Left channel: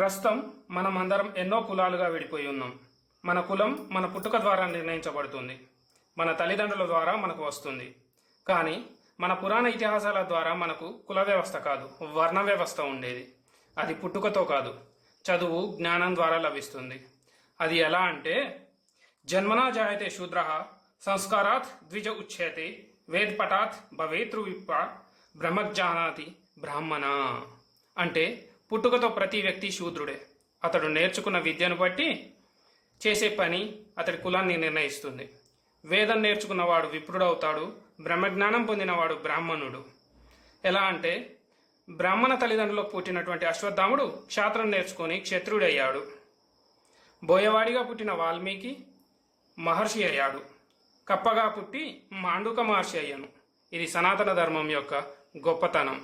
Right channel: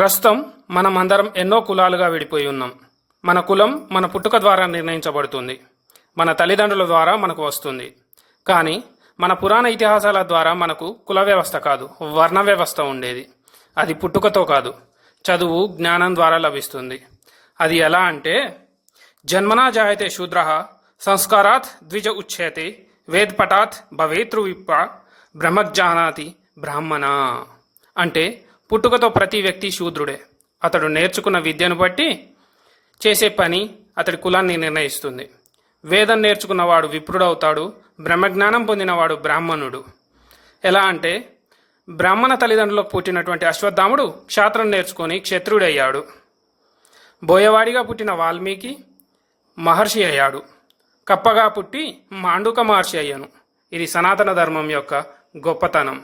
ప్రస్తుతం మనం అందరం ఎన్నో కులాలుగా విడిపోయి ఉన్నాం. మన కులం మన పుట్టుక ద్వారా నిర్ణయించబడుతుంది, మన తల్లిదండ్రుల ద్వారా మనకు వస్తుంది. కానీ మన పురాణ ఇతిహాసాల ద్వారా మనకు కుల వ్యవస్థ కాదు, వర్ణ వ్యవస్థ ఉండేది. అది పుట్టుకతో కాదు, చదువు జ్ఞానం ద్వారా లభిస్తుంది. అది ఎలా అంటే, జన్మనా జాయతే శూద్ర సంస్కారాత్ ద్విజ ఉచ్యతే వేద్పటాత్ భవేతృవిప్ప బ్రహ్మజ్ఞానాతి బ్రాహ్మణ. అంటే పుట్టుకతో ప్రతి వ్యక్తి శూద్రుడే. అతడు నేర్చుకున్న విద్యను బట్టి చేసే పని అతడి కులాన్ని నిర్ణయిస్తుంది. వేదం నేర్చుకున్నవాడు విప్రుడవుతాడు, బ్రహ్మజ్ఞానం పొందినవాడు బ్రాహ్మణుడు. ఎలా అంటే, బ్రాహ్మణ తల్లిదండ్రులకు పుట్టినటువంటి అశ్వత్థాముడు క్షాత్రం నేర్చుకొని క్షత్రుడయ్యాడు. బోయవాడిగా పుట్టిన వాల్మీకి మహర్షి అయ్యాడు. కప్పగా పుట్టి మాండూక మహర్షి అయ్యాను. ఇది సనాతన ధర్మం యొక్క గొప్పతనం.